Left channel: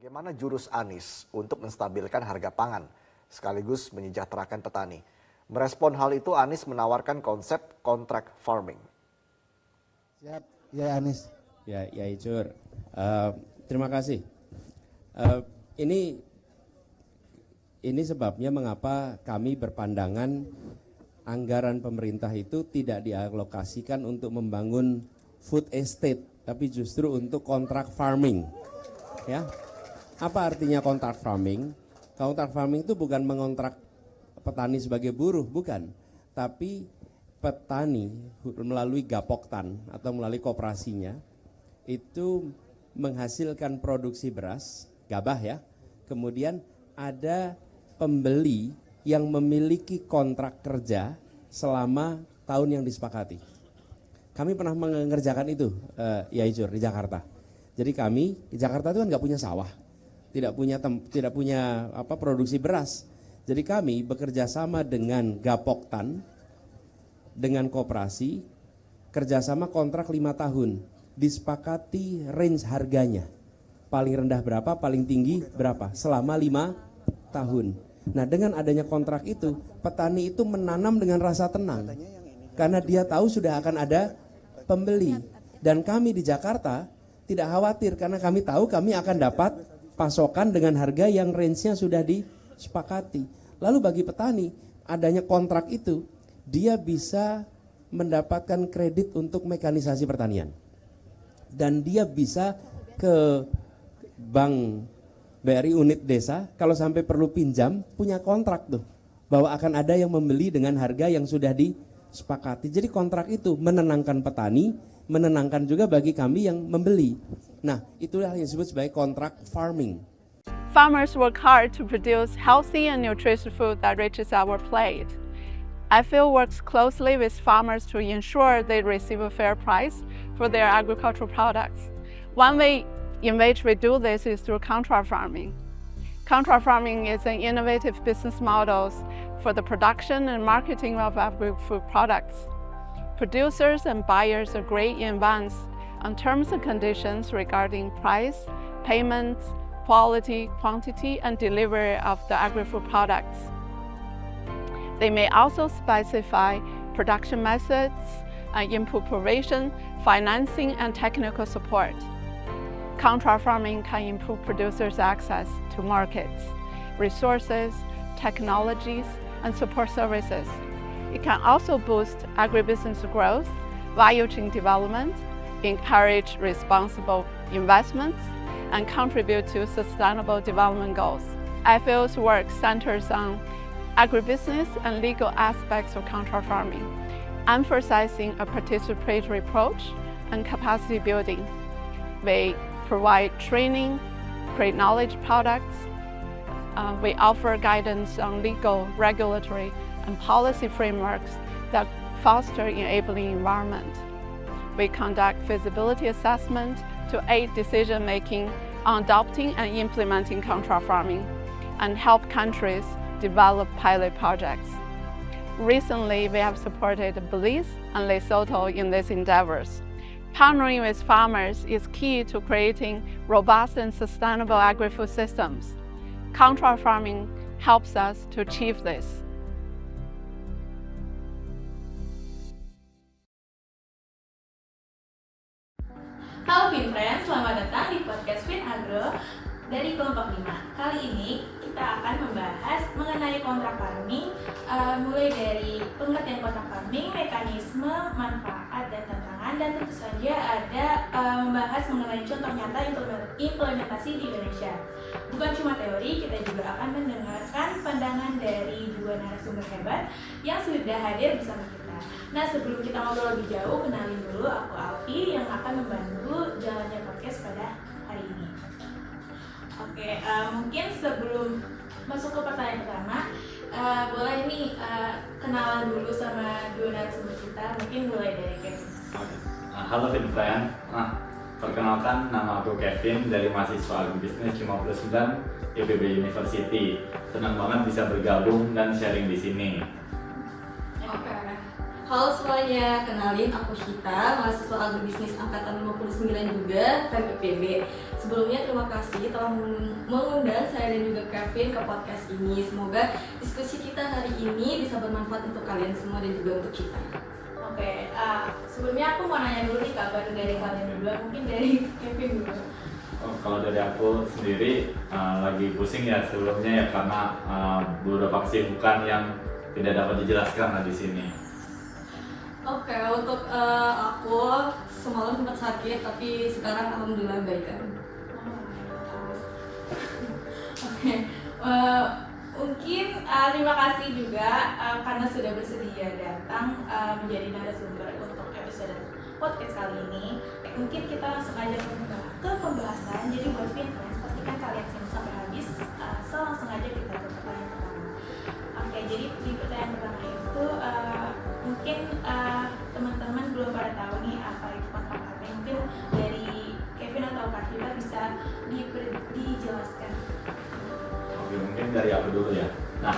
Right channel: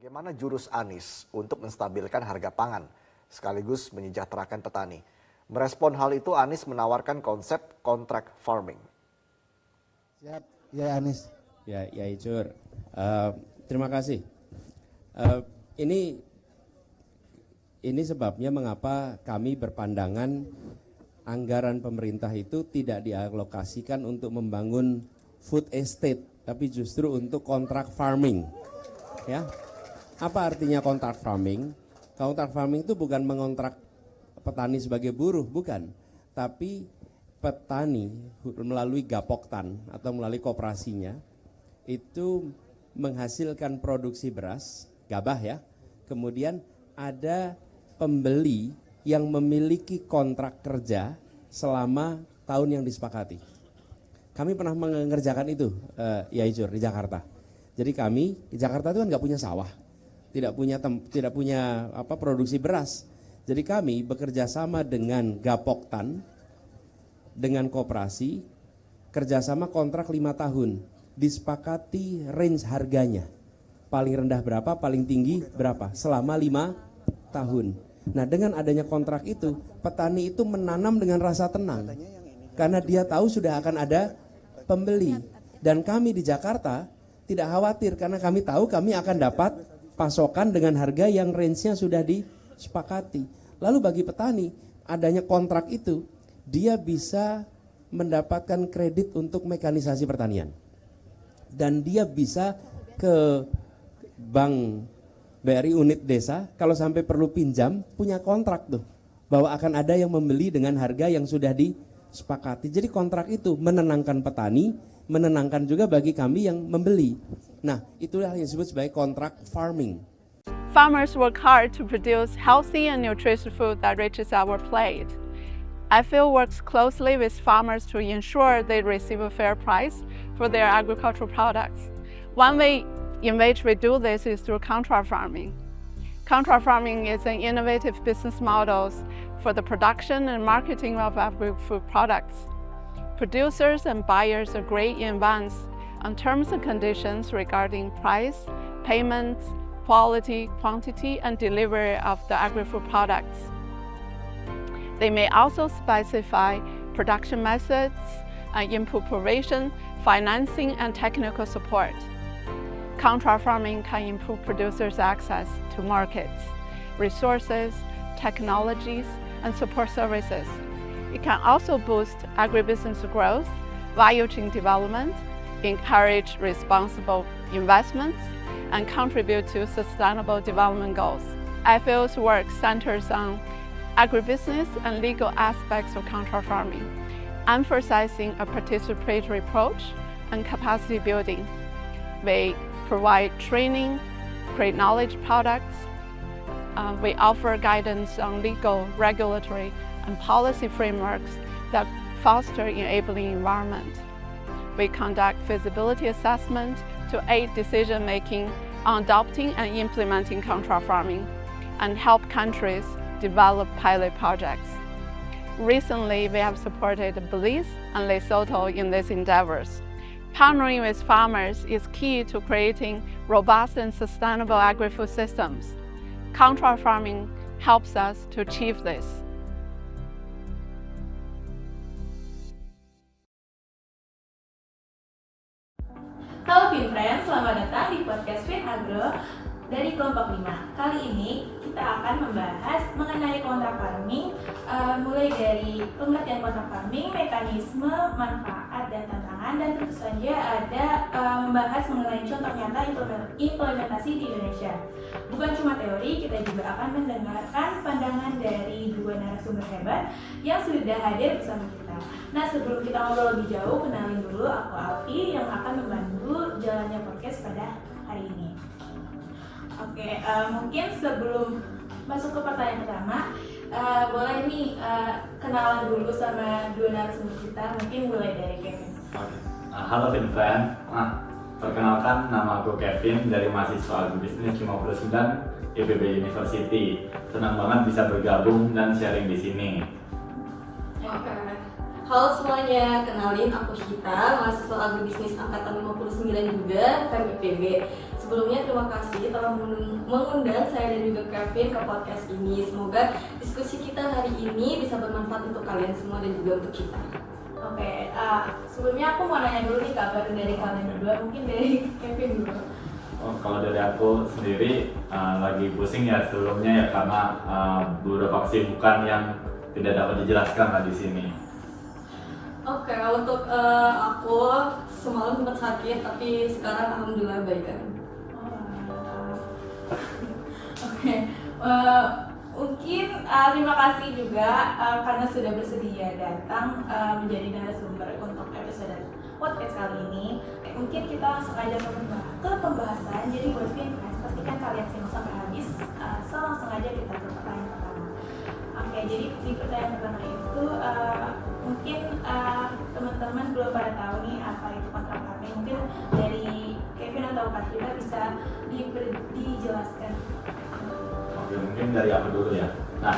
Bagaimana jurus Anies untuk menstabilkan harga pangan sekaligus menyejahterakan petani? Merespon hal itu, Anies menawarkan konsep contract farming. Siap, ya Anies. Ya Icur. Terima kasih. Ini sebabnya mengapa kami berpandangan anggaran pemerintah itu tidak dialokasikan untuk membangun food estate, tapi justru untuk contract farming. Ya. Apa artinya contract farming? Contract farming itu bukan mengontrak petani sebagai buruh, bukan. Tapi petani melalui Gapoktan atau melalui koperasinya itu menghasilkan produksi beras, gabah ya. Kemudian ada pembeli yang memiliki kontrak kerja selama tahun yang disepakati. Kami pernah mengerjakan itu, ya Icur, di Jakarta. Jadi kami di Jakarta itu kan nggak punya sawah, tidak punya produksi beras. Jadi kami bekerja sama dengan Gapoktan, dengan koperasi, kerjasama kontrak 5 tahun, disepakati range harganya. Paling rendah berapa, paling tinggi berapa, selama 5 tahun. Nah dengan adanya kontrak itu, petani itu menanam dengan rasa tenang. Karena dia tahu sudah akan ada pembeli. Dan kami di Jakarta tidak khawatir karena kami tahu kami akan dapat pasokan dengan harga yang range-nya sudah disepakati. Lalu bagi petani, adanya kontrak itu, dia bisa mendapatkan kredit untuk mekanisasi pertanian. Dan dia bisa ke bank BRI unit desa, kalau sampai perlu pinjam, punya kontrak tuh. Bahwa akan ada yang membeli dengan harga yang sudah disepakati. Jadi kontrak itu menenangkan petani, menenangkan juga bagi kami yang membeli. Nah, itulah yang disebut sebagai contract farming. Farmers work hard to produce healthy and nutritious food that reaches our plate. IFIL works closely with farmers to ensure they receive a fair price for their agricultural products. One way in which we do this is through contract farming. Contract farming is an innovative business model for the production and marketing of agri-food products. Producers and buyers agree in advance on terms and conditions regarding price, payments, quality, quantity, and delivery of the agri-food products. They may also specify production methods, input provision, financing, and technical support. Contract farming can improve producers' access to markets, resources, technologies, and support services. It can also boost agribusiness growth, value chain development, encourage responsible investments, and contribute to sustainable development goals. IFIL's work centers on agribusiness and legal aspects of contract farming, emphasizing a participatory approach and capacity building. We provide training, create knowledge products. We offer guidance on legal, regulatory, and policy frameworks that foster enabling environment. We conduct feasibility assessment to aid decision-making on adopting and implementing contract farming and help countries develop pilot projects. Recently, we have supported Belize and Lesotho in these endeavors. Partnering with farmers is key to creating robust and sustainable agri-food systems. Contract farming helps us to achieve this. Halo FinFriends, selamat datang di podcast FinAgro dari kelompok 5. Kali ini kita akan membahas mengenai kontrak farming, mulai dari pengertian kontrak farming, mekanisme, manfaat, dan tantangan, dan tentu saja ada membahas mengenai contoh nyata implementasi di Indonesia. Bukan cuma teori, kita juga akan mendengarkan pandangan dari 2 narasumber hebat yang sudah hadir bersama kita. Nah, sebelum kita ngobrol lebih jauh, kenalin dulu aku Alfi yang akan membantu jalannya podcast pada hari ini. Oke, mungkin sebelum masuk ke pertanyaan pertama, boleh nih kenalan dulu sama 2 narasumber kita, mungkin mulai dari Kevin. Halo FinFriend, perkenalkan nama aku Kevin dari mahasiswa Agribisnis 59 IPB University. Senang banget bisa bergabung dan sharing di sini. Halo semuanya, kenalin aku Shita, mahasiswa agribisnis angkatan 59 juga, FEM IPB. Sebelumnya terima kasih telah mengundang saya dan juga Kevin ke podcast ini. Semoga diskusi kita hari ini bisa bermanfaat untuk kalian semua dan juga untuk kita. Oke, sebelumnya aku mau nanya dulu nih kabar dari kalian berdua, mungkin dari Kevin dulu. Oh, kalau dari aku sendiri lagi pusing ya sebelumnya ya karena beberapa kesibukan yang tidak dapat dijelaskan lah di sini. Oke, untuk aku semalam sempat sakit tapi sekarang alhamdulillah baik kan. Oke, mungkin terima kasih juga karena sudah bersedia datang menjadi narasumber untuk episode podcast kali ini. Mungkin kita langsung aja ke pembahasan. Jadi buat Pinterest, pastikan kalian simak sampai habis. Langsung aja kita ke pertanyaan pertama. Oke, jadi di pertanyaan pertama itu mungkin teman-teman belum pada tahu nih apa itu kontrak karya. Mungkin dari Kevin atau Kak Kita bisa dijelaskan. Oke, mungkin dari aku dulu ya. Nah,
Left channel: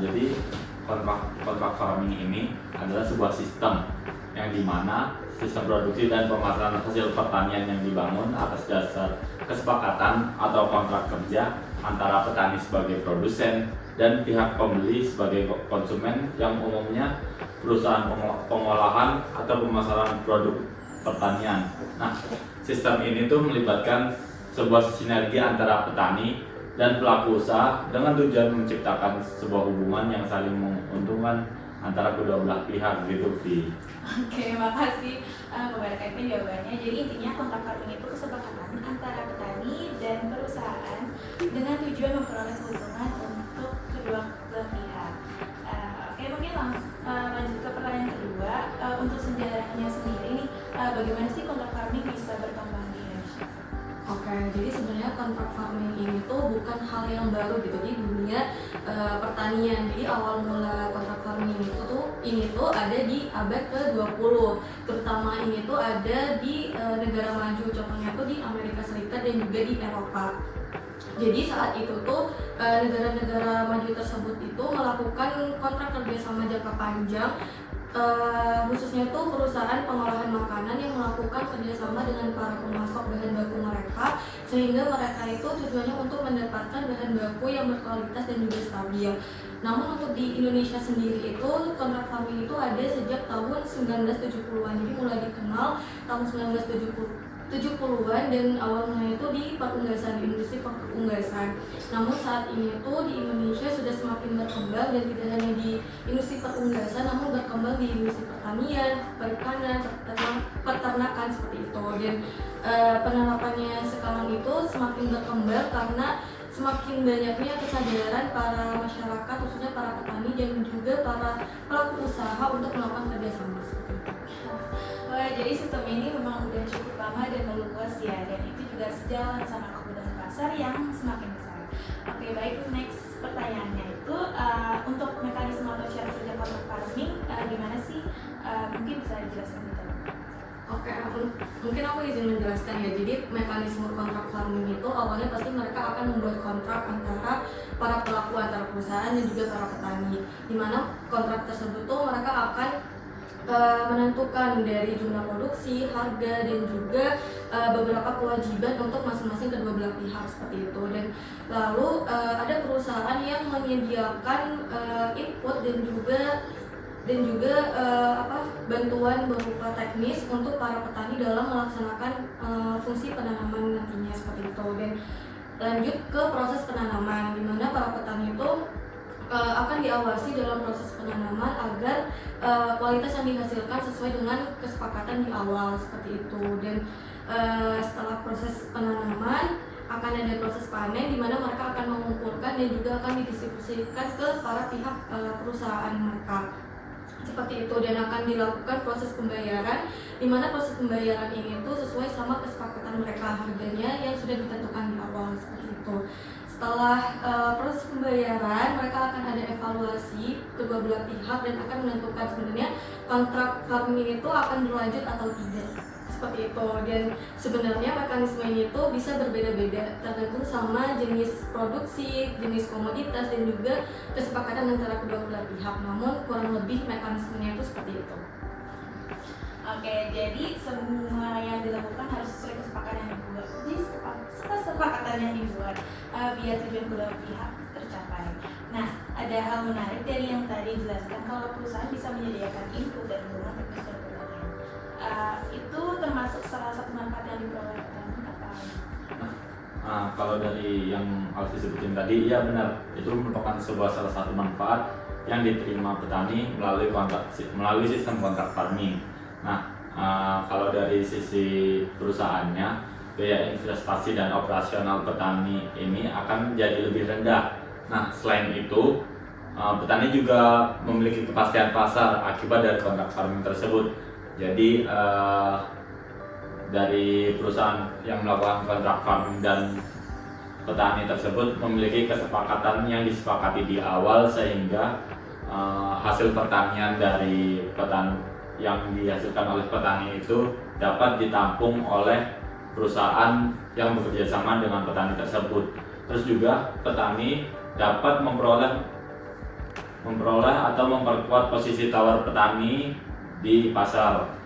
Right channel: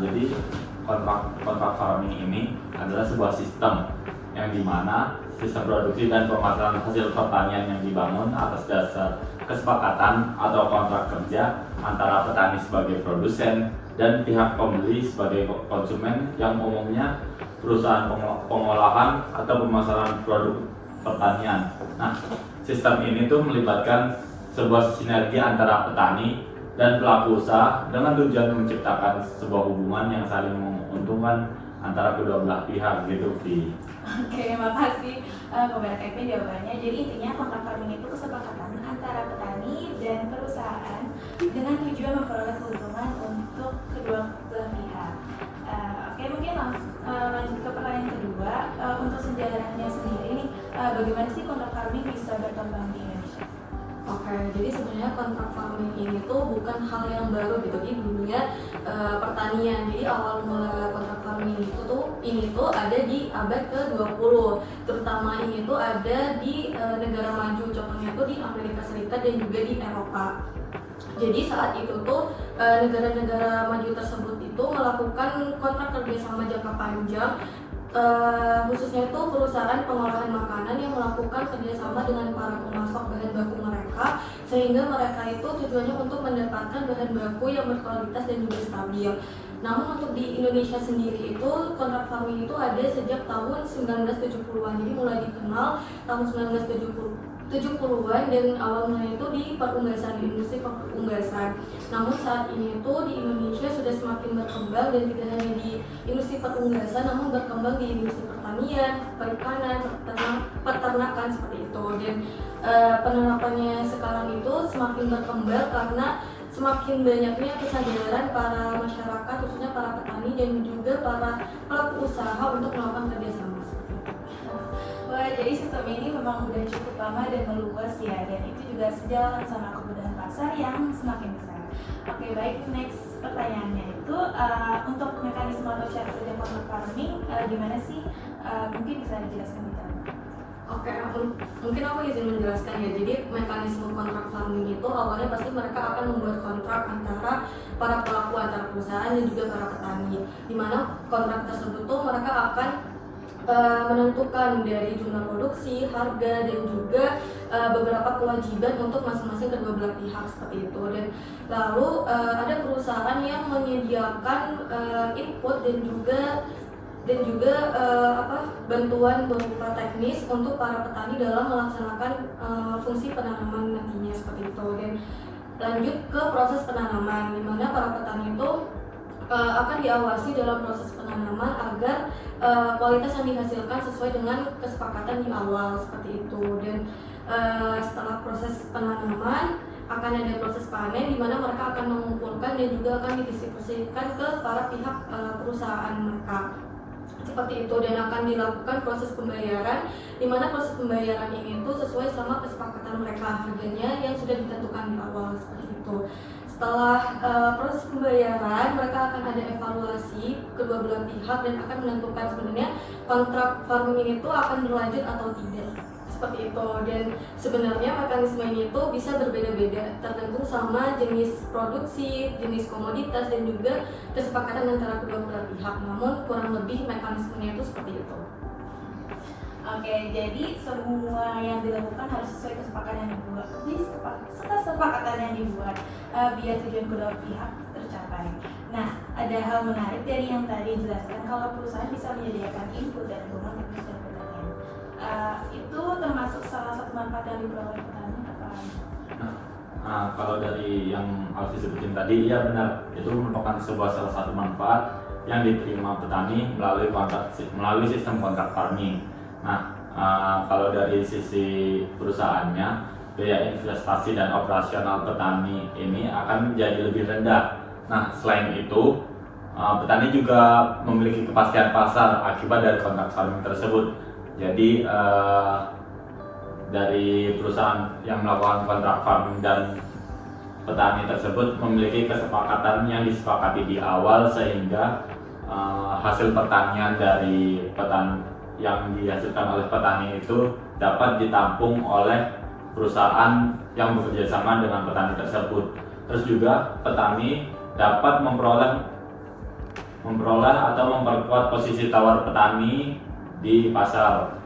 jadi kontrak farming ini adalah sebuah sistem yang dimana sistem produksi dan pemasaran hasil pertanian yang dibangun atas dasar kesepakatan atau kontrak kerja antara petani sebagai produsen dan pihak pembeli sebagai konsumen yang umumnya perusahaan pengolahan atau pemasaran produk pertanian. Nah, sistem ini tuh melibatkan sebuah sinergi antara petani dan pelaku usaha dengan tujuan menciptakan sebuah hubungan yang saling menguntungkan antara kedua belah pihak gitu, Vi. Oke, makasih kepada Kevin jawabannya. Jadi intinya kontrak farming itu kesepakatan antara petani dan perusahaan dengan tujuan memperoleh keuntungan untuk kedua belah pihak. Oke, mungkin langsung lanjut ke pertanyaan kedua. Untuk sejarahnya sendiri nih, bagaimana sih kontrak farming bisa berkembang di Indonesia? Oke, jadi sebenarnya kontrak farming ini tuh bukan hal yang baru gitu di dunia pertanian. Jadi awal mula kontrak farming ini tuh ada di abad ke-20. Terutama ini tuh ada di negara maju, contohnya tuh di Amerika Serikat dan juga di Eropa. Jadi saat itu tuh negara-negara maju tersebut itu melakukan kontrak kerjasama jangka panjang, khususnya itu perusahaan pengolahan makanan yang melakukan kerjasama dengan para pemasok bahan baku mereka, sehingga mereka itu tujuannya untuk mendapatkan bahan baku yang berkualitas dan juga stabil. Namun untuk di Indonesia sendiri itu kontrak farming itu ada sejak tahun 1970-an, jadi mulai dikenal tahun 1970-an dan awalnya itu di perunggasan, di industri perunggasan. Namun saat ini itu di Indonesia sudah semakin berkembang dan tidak hanya di industri perunggasan, namun berkembang di industri pertanian, perikanan, peternakan seperti itu. Dan penerapannya sekarang itu semakin berkembang karena semakin banyaknya kesadaran para masyarakat, khususnya para petani dan juga para pelaku usaha untuk melakukan kerjasama. Jadi sistem ini memang sudah cukup lama dan meluas ya, dan itu juga sejalan sama kebutuhan pasar yang semakin besar. Oke, baik, next pertanyaannya itu untuk mekanisme atau cara kerja kontrak farming gimana sih? Mungkin bisa dijelaskan dulu. Oke, mungkin aku izin menjelaskan ya. Jadi mekanisme kontrak farming itu awalnya pasti mereka akan membuat kontrak antara para pelaku, antara perusahaan dan juga para petani, di mana kontrak tersebut tuh mereka akan menentukan dari jumlah produksi, harga dan juga beberapa kewajiban untuk masing-masing kedua belah pihak seperti itu. Dan lalu ada perusahaan yang menyediakan input dan juga bantuan berupa teknis untuk para petani dalam melaksanakan fungsi penanaman nantinya seperti itu. Dan lanjut ke proses penanaman, di mana para petani itu akan diawasi dalam proses penanaman agar kualitas yang dihasilkan sesuai dengan kesepakatan di awal seperti itu. Dan setelah proses penanaman akan ada proses panen, di mana mereka akan mengumpulkan dan juga akan didistribusikan ke para pihak perusahaan mereka seperti itu, dan akan dilakukan proses pembayaran, di mana proses pembayaran ini tuh sesuai sama kesepakatan mereka harganya yang sudah ditentukan di awal seperti itu. Setelah proses pembayaran, mereka akan ada evaluasi kedua belah pihak dan akan menentukan sebenarnya kontrak farming itu akan berlanjut atau tidak seperti itu. Dan sebenarnya mekanisme ini tuh bisa berbeda-beda tergantung sama jenis produksi, jenis komoditas dan juga kesepakatan antara kedua belah pihak. Namun kurang lebih mekanismenya itu seperti itu. Oke, jadi semua yang dilakukan harus sesuai kesepakatan yang kedua. Jadi kesepakatan yang dibuat biar tujuan kedua pihak tercapai. Nah, ada hal menarik dari yang tadi dijelaskan kalau perusahaan bisa menyediakan input dan dukungan untuk pertanian. Itu termasuk salah satu manfaat yang diperoleh petani apa? Nah, kalau dari yang Alfi sebutin tadi, ya benar, itu merupakan salah satu manfaat yang diterima petani melalui sistem kontrak farming. Nah, kalau dari sisi perusahaannya, biaya investasi dan operasional petani ini akan menjadi lebih rendah. Nah, selain itu, petani juga memiliki kepastian pasar akibat dari kontrak farming tersebut. Jadi, dari perusahaan yang melakukan kontrak farming dan petani tersebut memiliki kesepakatan yang disepakati di awal sehingga hasil pertanian dari petani yang dihasilkan oleh petani itu dapat ditampung oleh perusahaan yang bekerja sama dengan petani tersebut. Terus juga petani dapat memperoleh atau memperkuat posisi tawar petani di pasar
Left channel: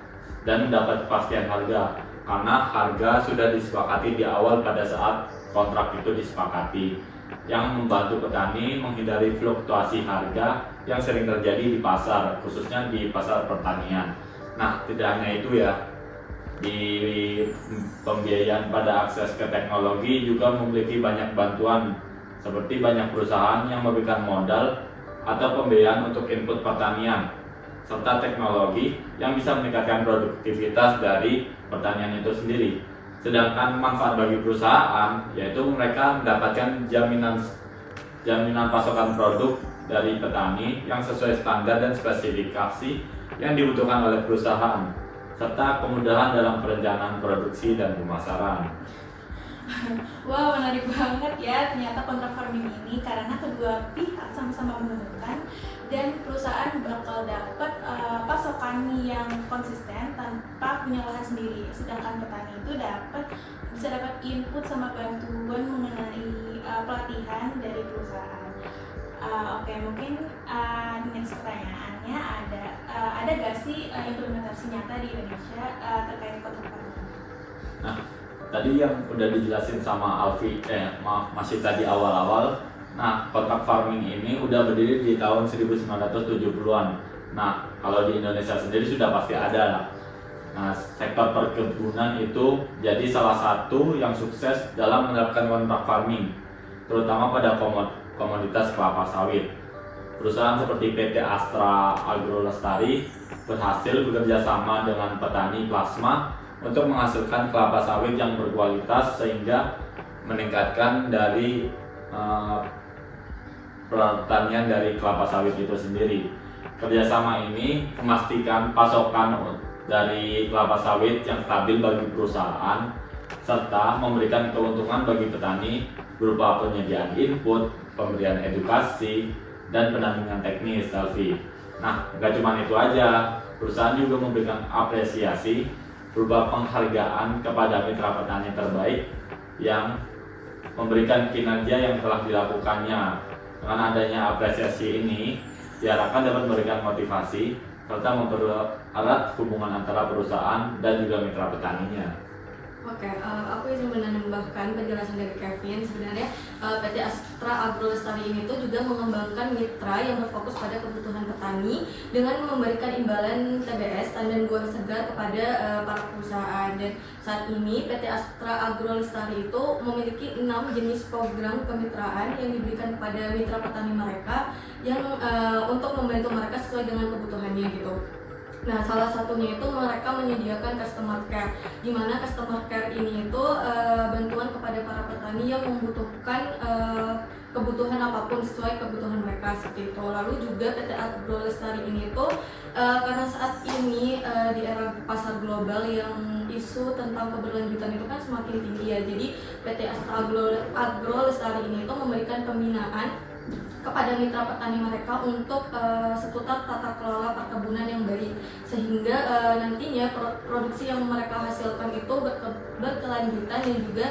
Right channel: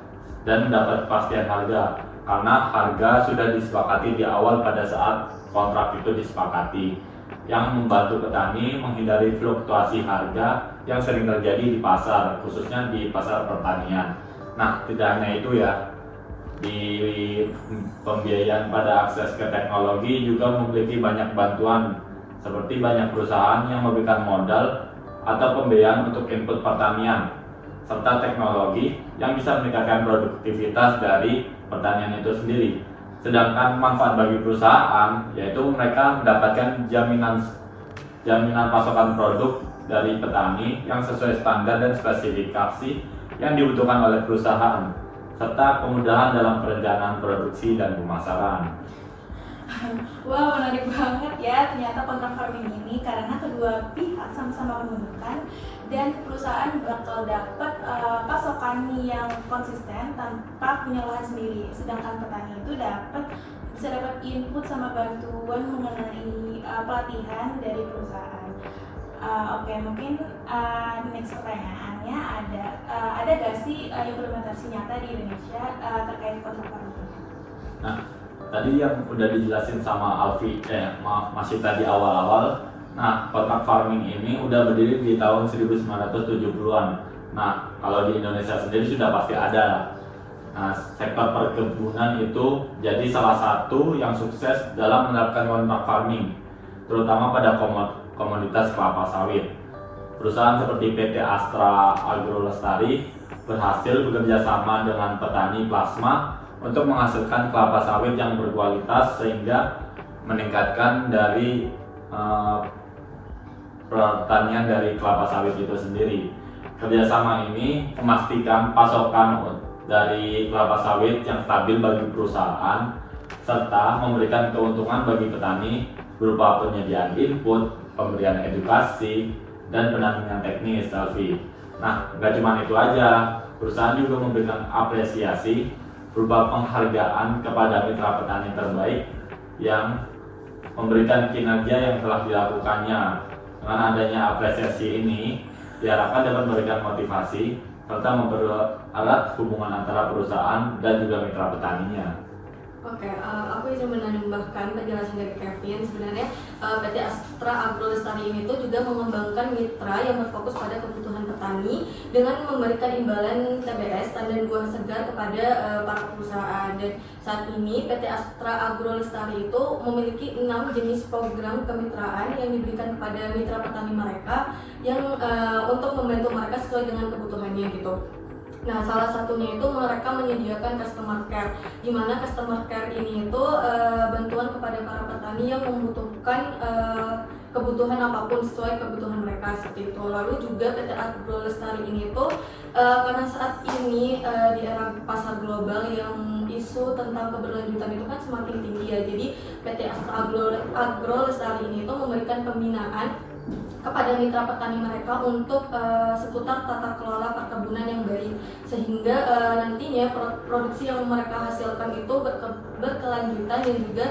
dan mendapat kepastian harga karena harga sudah disepakati di awal pada saat kontrak itu disepakati, yang membantu petani menghindari fluktuasi harga yang sering terjadi di pasar, khususnya di pasar pertanian. Nah, tidak hanya itu ya, di pembiayaan pada akses ke teknologi juga memiliki banyak bantuan, seperti banyak perusahaan yang memberikan modal atau pembiayaan untuk input pertanian serta teknologi yang bisa meningkatkan produktivitas dari pertanian itu sendiri. Sedangkan manfaat bagi perusahaan yaitu mereka mendapatkan jaminan pasokan produk dari petani yang sesuai standar dan spesifikasi yang dibutuhkan oleh perusahaan, serta kemudahan dalam perencanaan produksi dan pemasaran. Wah, menarik banget ya ternyata kontrak farming ini, karena kedua pihak sama-sama menguntungkan dan perusahaan bakal dapat pasokan yang konsisten tanpa punya lahan sendiri, sedangkan petani itu bisa dapat input sama bantuan mengenai pelatihan dari perusahaan. Oke, mungkin next pertanyaannya ada gak sih implementasi nyata di Indonesia terkait kontrak farming? Nah, tadi yang udah dijelasin sama Alfi, masih tadi awal-awal. Nah, kontrak farming ini udah berdiri di tahun 1970-an. Nah, kalau di Indonesia sendiri sudah pasti ada. Nah, sektor perkebunan itu jadi salah satu yang sukses dalam menerapkan kontrak farming, terutama pada komoditas kelapa sawit. Perusahaan seperti PT Astra Agrolestari berhasil bekerja sama dengan petani plasma untuk menghasilkan kelapa sawit yang berkualitas sehingga meningkatkan dari pertanian dari kelapa sawit itu sendiri. Kerjasama ini memastikan pasokan dari kelapa sawit yang stabil bagi perusahaan serta memberikan keuntungan bagi petani berupa penyediaan input, pemberian edukasi, dan pendampingan teknis, Alfi. Nah, nggak cuma itu aja, perusahaan juga memberikan apresiasi berupa penghargaan kepada mitra petani terbaik yang memberikan kinerja yang telah dilakukannya. Dengan adanya apresiasi ini diharapkan dapat memberikan motivasi serta mempererat hubungan antara perusahaan dan juga mitra petaninya. Oke, aku izin menambahkan penjelasan dari Kevin. Sebenarnya PT Astra Agrolestari ini tuh juga mengembangkan mitra yang berfokus pada kebutuhan petani dengan memberikan imbalan TBS tandan buah segar kepada para perusahaan. Dan saat ini PT Astra Agrolestari itu memiliki 6 jenis program kemitraan yang diberikan kepada mitra petani mereka yang untuk membantu mereka sesuai dengan kebutuhannya gitu. Nah, salah satunya itu mereka menyediakan customer care, di mana customer care ini itu bantuan kepada para petani yang membutuhkan kebutuhan apapun sesuai kebutuhan mereka seperti itu. Lalu juga PT Agrolestari ini itu karena saat ini di era pasar global yang isu tentang keberlanjutan itu kan semakin tinggi ya. Jadi PT Astra Agrolestari ini itu memberikan pembinaan kepada mitra petani mereka untuk seputar tata kelola perkebunan yang baik, sehingga nantinya produksi yang mereka hasilkan itu berkelanjutan dan juga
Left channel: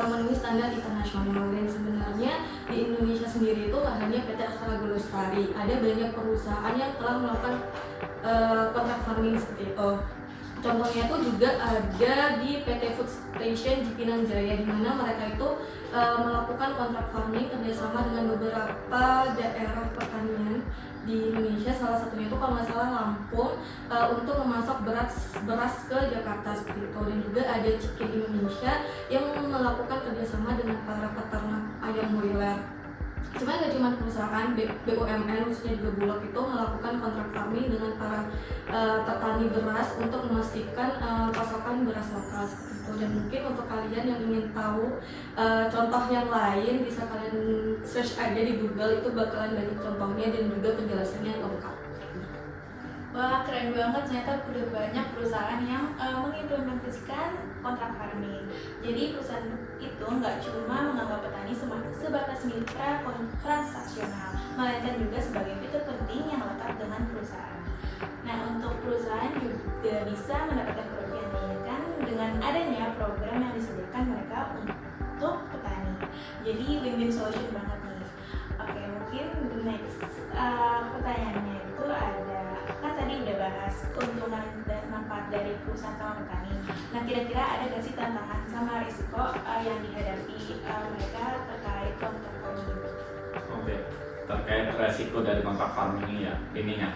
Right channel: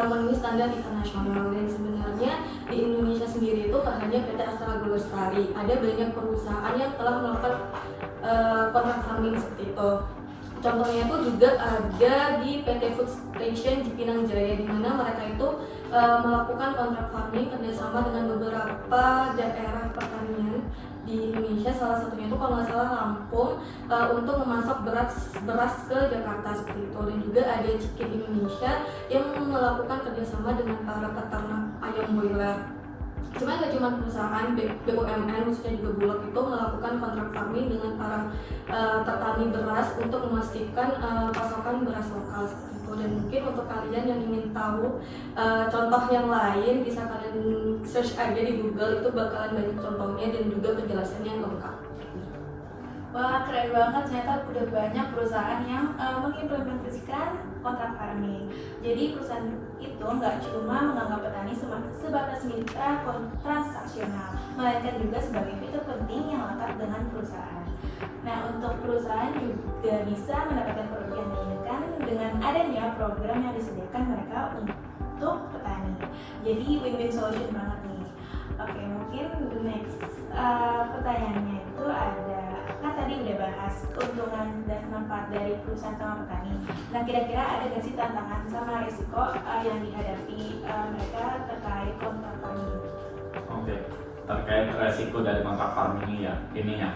memenuhi standar internasional. Dan sebenarnya di Indonesia sendiri itu tak hanya PT Astra Agrolestari, ada banyak perusahaan yang telah melakukan kontrak farming seperti itu. Contohnya itu juga ada di PT Food Station Cipinang Jaya, di mana mereka itu melakukan kontrak farming kerjasama dengan beberapa daerah pertanian di Indonesia, salah satunya itu kalau nggak salah Lampung, untuk memasok beras ke Jakarta seperti itu. Dan juga ada Chicken Indonesia yang melakukan kerjasama dengan para peternak ayam broiler. Cuma nggak cuma perusahaan BUMN, khususnya juga Bulog itu melakukan kontrak farming dengan para petani beras untuk memastikan pasokan beras lokal seperti itu. Dan mungkin untuk kalian yang ingin tahu contoh yang lain, bisa kalian search aja di Google, itu bakalan banyak contohnya dan juga penjelasannya yang lengkap. Wah, keren banget, ternyata udah banyak perusahaan yang mengimplementasikan kontrak farming. Jadi perusahaan itu nggak cuma menganggap petani sebatas mitra transaksional, melainkan juga sebagai fitur penting yang lekat dengan perusahaan. Nah, untuk perusahaan juga bisa mendapatkan kerugian yang diinginkan dengan adanya program yang disediakan mereka untuk petani. Jadi win-win solution banget nih. Oke, mungkin next pertanyaannya itu ada, kan tadi udah bahas keuntungan dan manfaat dari perusahaan sama petani. Nah, kira-kira ada nggak sih tantangan sama risiko yang dihadapi mereka terkait kontrak farming? Oke, terkait resiko dari kontrak farming ini ya, ininya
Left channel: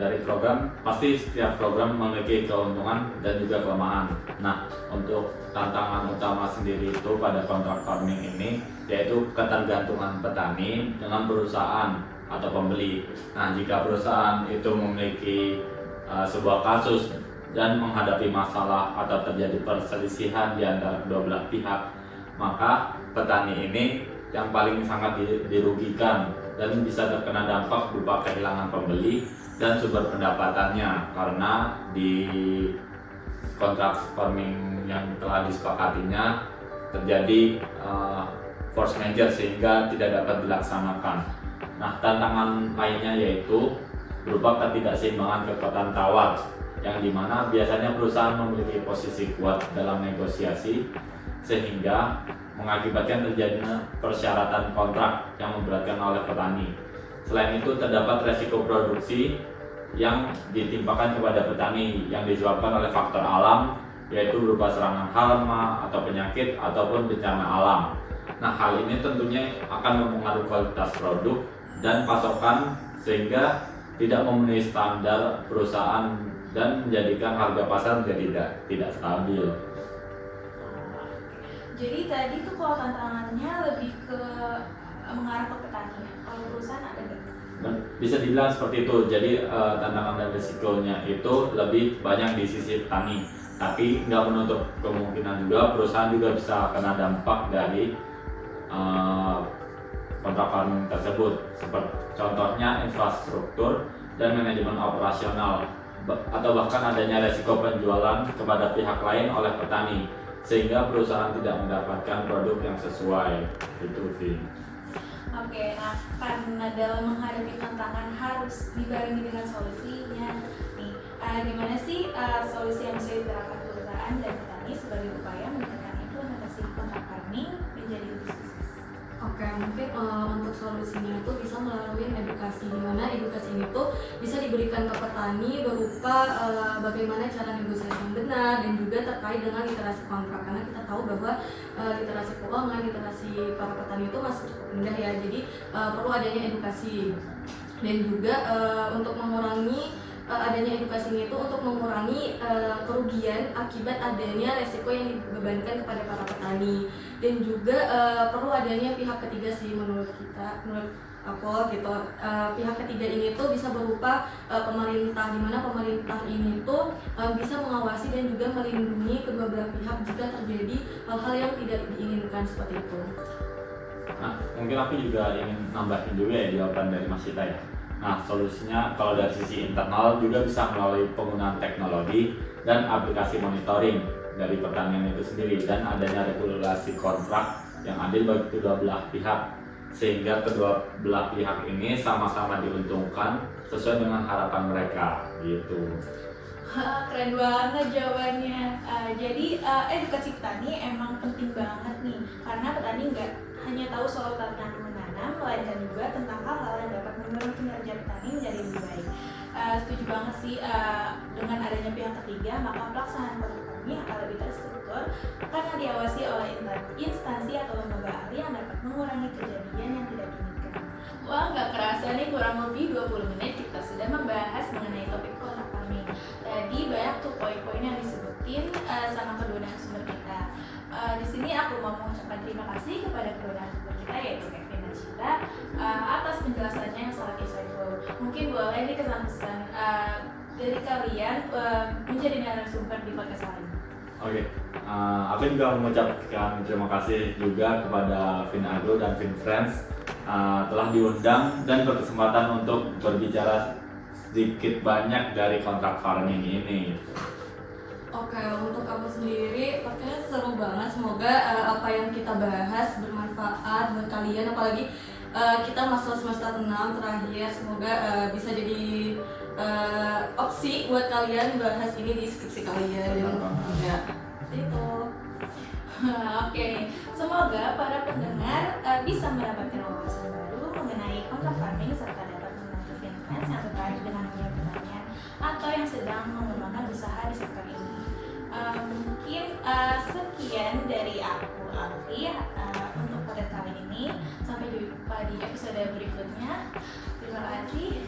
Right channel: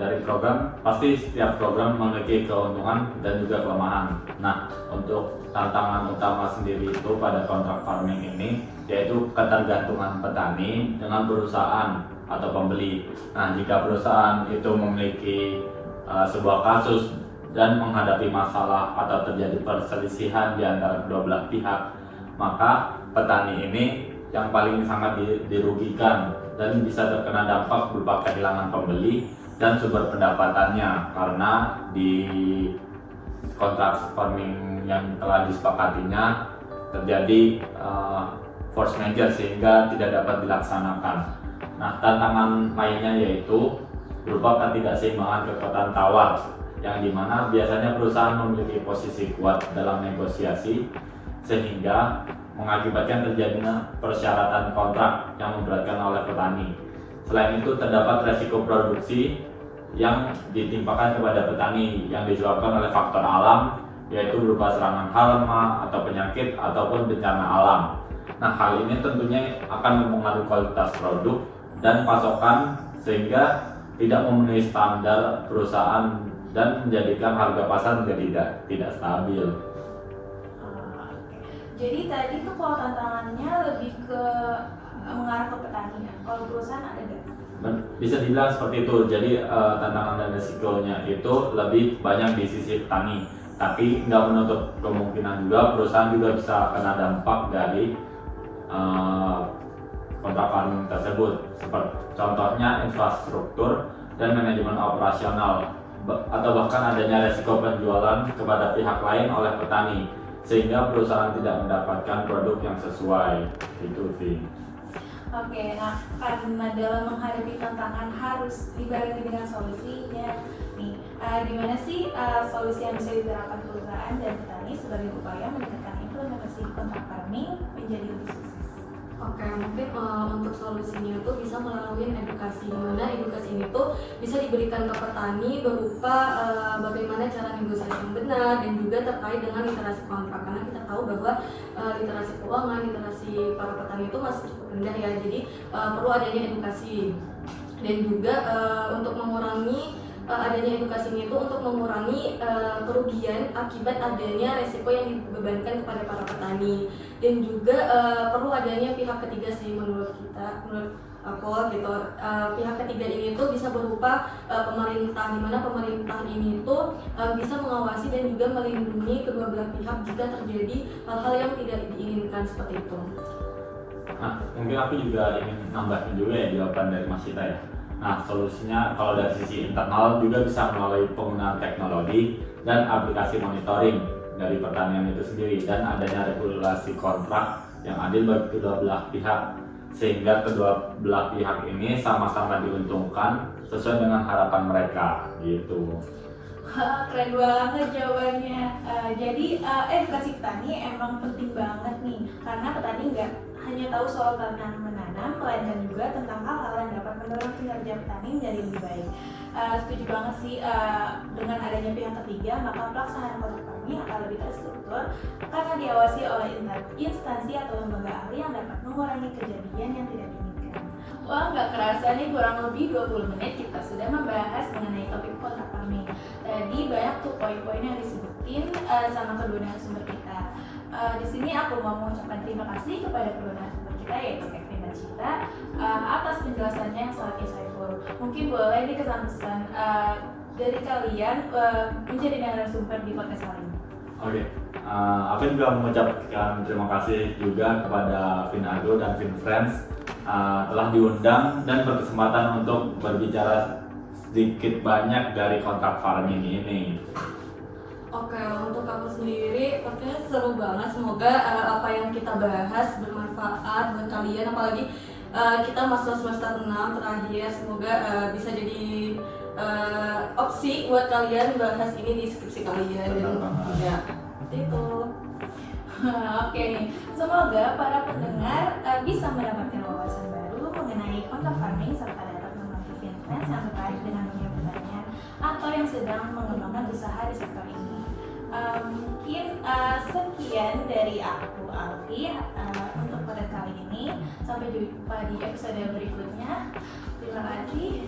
dari program, pasti setiap program memiliki keuntungan dan juga kelemahan. Nah, untuk tantangan utama sendiri itu pada kontrak farming ini yaitu ketergantungan petani dengan perusahaan atau pembeli. Nah, jika perusahaan itu memiliki sebuah kasus dan menghadapi masalah atau terjadi perselisihan di antara kedua belah pihak, maka petani ini yang paling sangat dirugikan dan bisa terkena dampak berupa kehilangan pembeli dan sumber pendapatannya, karena di kontrak farming yang telah disepakatinya terjadi force majeure sehingga tidak dapat dilaksanakan. Nah, tantangan lainnya yaitu berupa ketidakseimbangan kekuatan tawar, yang dimana biasanya perusahaan memiliki posisi kuat dalam negosiasi sehingga mengakibatkan terjadinya persyaratan kontrak yang memberatkan oleh petani. Selain itu, terdapat resiko produksi yang ditimpakan kepada petani yang disebabkan oleh faktor alam, yaitu berupa serangan hama atau penyakit ataupun bencana alam. Nah, hal ini tentunya akan mempengaruhi kualitas produk dan pasokan sehingga tidak memenuhi standar perusahaan dan menjadikan harga pasar menjadi tidak stabil. Jadi tadi tuh kalau tantangannya lebih ke mengarah ke petani, kalau perusahaan ada nggak? Bisa dibilang seperti itu. Jadi tantangan dan risikonya itu lebih banyak di sisi petani, tapi nggak menutup kemungkinan juga perusahaan juga bisa kena dampak dari kontrak farming tersebut. Seperti contohnya infrastruktur dan manajemen operasional, atau bahkan adanya risiko penjualan kepada pihak lain oleh petani, sehingga perusahaan tidak mendapatkan produk yang sesuai. Itu sih. Oke, nah karena dalam menghadapi tantangan harus dibarengi dengan solusinya nih, gimana sih solusi yang bisa diterapkan perusahaan dan petani sebagai upaya meningkatkan implementasi kontrak farming menjadi lebih sukses? Oke, mungkin untuk solusinya itu bisa melalui edukasi, di mana edukasi ini tuh bisa diberikan ke petani berupa bagaimana cara negosiasi yang benar dan juga terkait dengan literasi kontrak, karena kita tahu bahwa literasi keuangan, literasi para petani itu masih cukup rendah ya, jadi perlu adanya edukasi. Dan juga untuk mengurangi adanya edukasi ini itu untuk mengurangi kerugian akibat adanya resiko yang dibebankan kepada para petani. Dan juga perlu adanya pihak ketiga sih menurut aku gitu. Pihak ketiga ini tuh bisa berupa pemerintah, di mana pemerintah ini tuh bisa mengawasi dan juga melindungi kedua belah pihak jika terjadi hal-hal yang tidak diinginkan seperti itu. Nah, mungkin aku juga ingin nambahin juga ya jawaban dari Mas Sita ya. Nah, solusinya kalau dari sisi internal juga bisa melalui penggunaan teknologi dan aplikasi monitoring dari pertanian itu sendiri, dan adanya regulasi kontrak yang adil bagi kedua belah pihak, sehingga kedua belah pihak ini sama-sama diuntungkan sesuai dengan harapan mereka gitu. Keren banget jawabannya. Jadi edukasi petani emang penting banget nih, karena petani nggak hanya tahu soal tanam menanam, melainkan juga tentang hal-hal yang dapat mendorong kinerja petani menjadi lebih baik. Setuju banget sih, dengan adanya pihak ketiga, maka pelaksanaan kontrak farming akan lebih terstruktur karena diawasi oleh instansi atau lembaga ahli yang dapat mengurangi kejadian yang tidak diinginkan. Wah, nggak kerasa nih, kurang lebih 20 menit kita sudah membahas mengenai topik kontrak farming. Tadi banyak tuh poin-poin yang disebutin sama kedua narasumber kita. Di sini aku mau mengucapkan terima kasih kepada kedua narasumber kita, yaitu Kevin dan Cita, atas penjelasannya yang sangat insightful. Mungkin boleh nih kesan-kesan dari kalian menjadi narasumber di podcast kali ini. Oke, aku juga mengucapkan terima kasih juga kepada Finagro dan FinFriends telah diundang dan berkesempatan untuk berbicara sedikit banyak dari kontrak farming ini. Oke, untuk aku sendiri pastinya seru banget. Semoga apa yang kita bahas bermanfaat buat kalian, apalagi kita masuk semester 6 terakhir. Semoga bisa jadi opsi buat kalian bahas ini di skripsi kalian. Ya, seperti itu. Oke, semoga para pendengar bisa mendapatkan wawasan baru mengenai kontrak farming serta dapat membantu FinFriends yang tertarik dengan dunia pertanian atau yang sedang mengembangkan usaha di sektor ini. Mungkin sekian dari aku, Alfi, untuk podcast kali ini. Sampai jumpa di episode berikutnya. Terima kasih.